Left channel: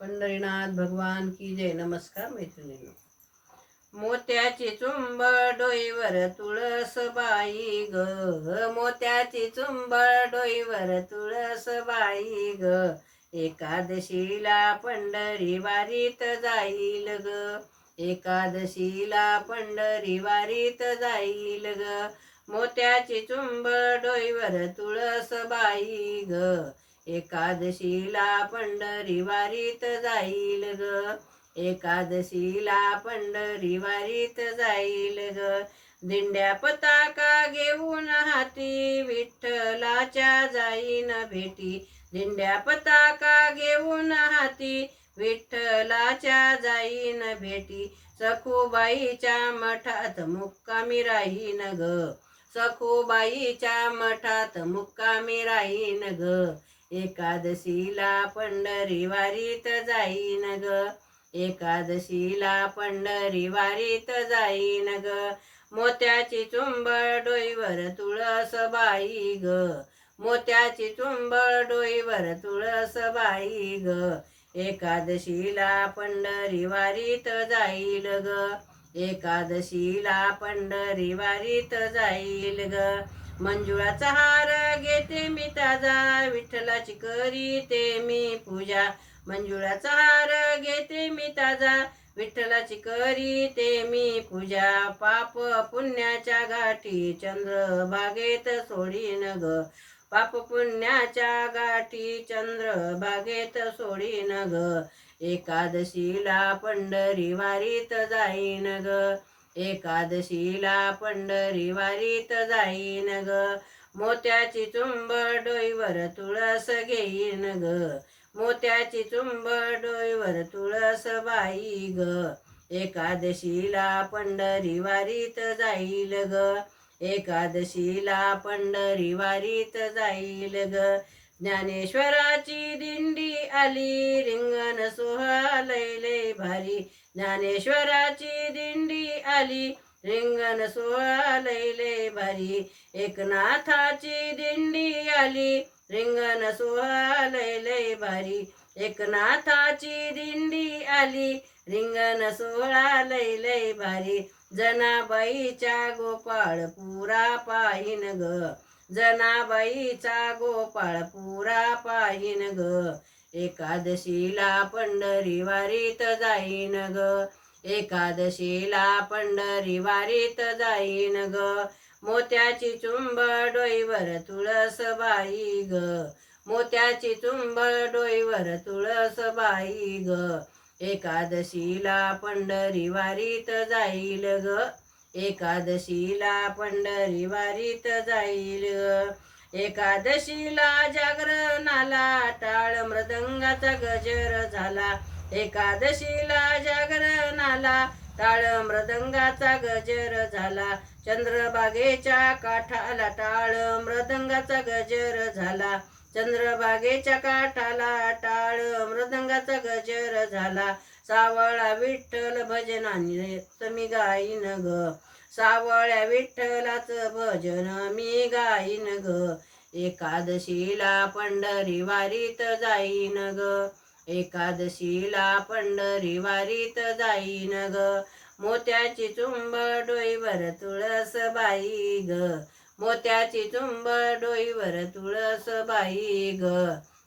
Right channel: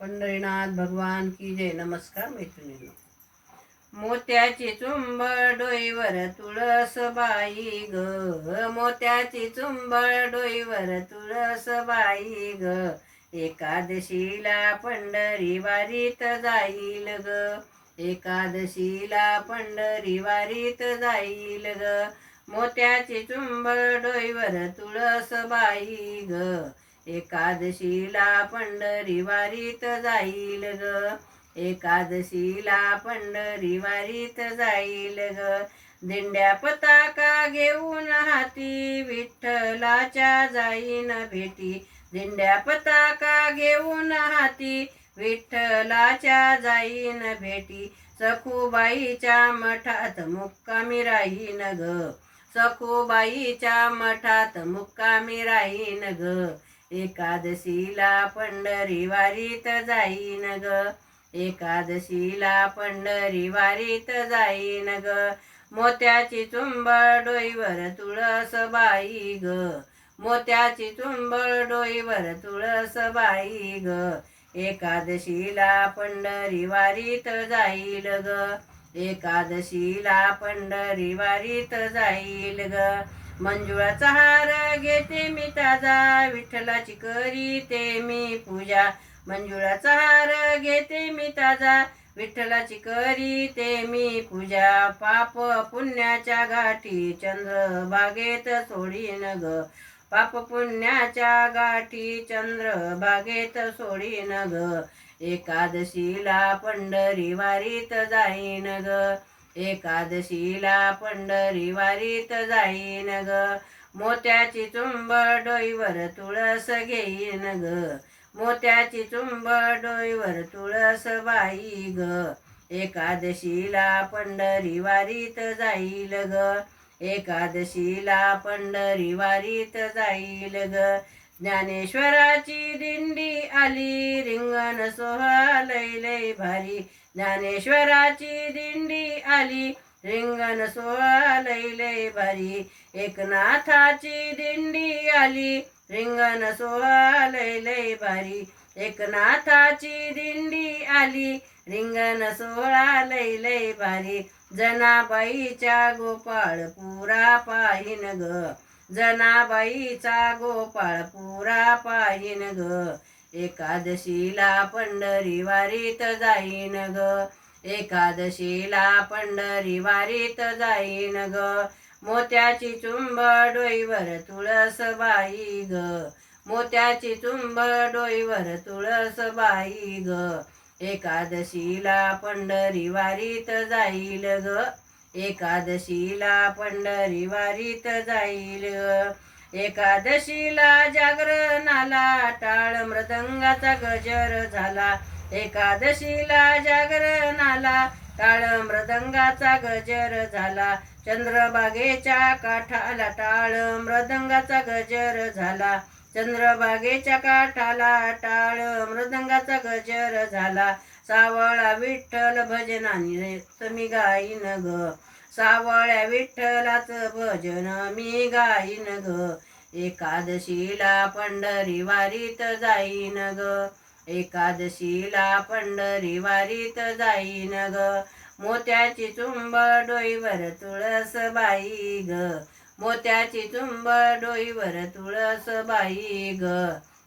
पंढरीनाथ भगवान की जय. नमस्कार मैत्रिणींनो. मोत्याची चुंबळ डोईवर तुळसबाई ग, मोत्याची चुंबळ डोईवर तुळसबाई ग, एकादशीला पंढरी वारीत जाईल ग, एकादशीला पंढरी वारीत जाईल ग, मोत्याची चुंबळ डोईवर तुळसबाई ग, एकादशीला पंढरी वारीत जाईल ग, एकादशीला पंढरी वारीत जाईल ग, दिंड्या पताका घेऊन हाती विठ्ठलाच्या जाईन भेटी, दिंड्या पताका घेऊन हाती विठ्ठलाच्या जाईन भेटी, सखूबाईच्या मठात मुक्कामी राहीन ग, सखूबाईच्या मठात मुक्कामी राहीन ग, एकादशीला पंढरी वारीत जाईन ग, एकादशीला पंढरी वारीत जाईन ग, मोत्याची चुंबळ डोईवर तुळसबाई ग, मोत्याची चुंबळ डोईवर तुळसबाई ग, एकादशीला पंढरी वारीत जाईल ग, एकादशीला पंढरी वारीत जाईल ग, मंजुळाचा हार घेते मी ताजा विठ्ठलाची करीते मी पूजा, मंजुळाचा हार घेते मी ताजा विठ्ठलाची करीते मी पूजा, पाप पुण्याच्या गाठी चंद्रभागेत सोडीन ग, पाप पुण्याच्या गाठी चंद्रभागेत सोडीन ग, एकादशीला पंढरी वारीत जाईन ग, एकादशीला पंढरी वारीत जाईन ग, मोत्याची चुंबळ डोईवर तुळस घेईन ग, मोत्याची चुंबळ डोईवर तुळसबाई ग, एकादशीला पंढरी वारीत जाईल ग, एकादशीला पंढरी वारीत जाईल ग, ज्ञानेश्वराची दिंडी आली रिंगण सोहळा लय लय भारी, ज्ञानेश्वराची दिंडी आली रिंगण सोहळा लय लय भारी, एकनाथाची दिंडी आली रिंगण सोहळा लय लय भारी, एकनाथाची दिंडी आली रिंगण सोहळा लय लय भारी, जनाबाईच्या गोपाळ पुरा पाहिन ग, जनाबाईचा गोपाळ पुरा पाहिन ग, एकादशीला पंढरी वारीत जाईन ग, एकादशीला पंढरी वारीत जाईन ग, मोत्याची चुंबळ डोईवर तुळसबाई ग, मोत्याची चुंबळ डोईवर तुळसबाई ग, एकादशीला पंढरी वारीत जाईल ग, एकादशीला पंढरी वारीत जाईल ग, एकादशीला जागरणाला टाळ मृदंगाचा गजर झाला, एकादशीला जागरणाला टाळ मृदंगाचा गजर झाला, चंद्रभागेच्या काठाला टाळ मृदंगाचा गजर झाला, चंद्रभागेच्या काठाला टाळ मृदंगाचा गजर झाला, सावळा विठ्ठल भजनाने मी गाईन ग, सावळ्या विठ्ठलाचं भजन मी गाईन ग, एकादशीला पंढरी वारीत जाईन ग, एकादशीला पंढरी वारीत जाईन ग, मोत्याची चुंबळ डोईवर तुळसबाई ग, मोत्याची चुंबळ डोईवर तुळसबाई ग,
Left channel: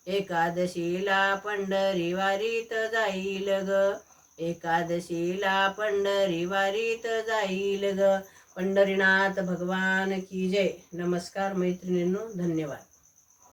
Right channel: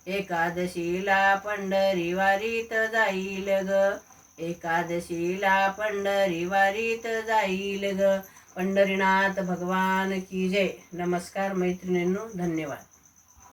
एकादशीला पंढरी वारीत जाईल ग, एकादशीला पंढरी वारीत जाईल ग. पंढरीनाथ भगवान की जय. नमस्कार मैत्रिणींनो. धन्यवाद.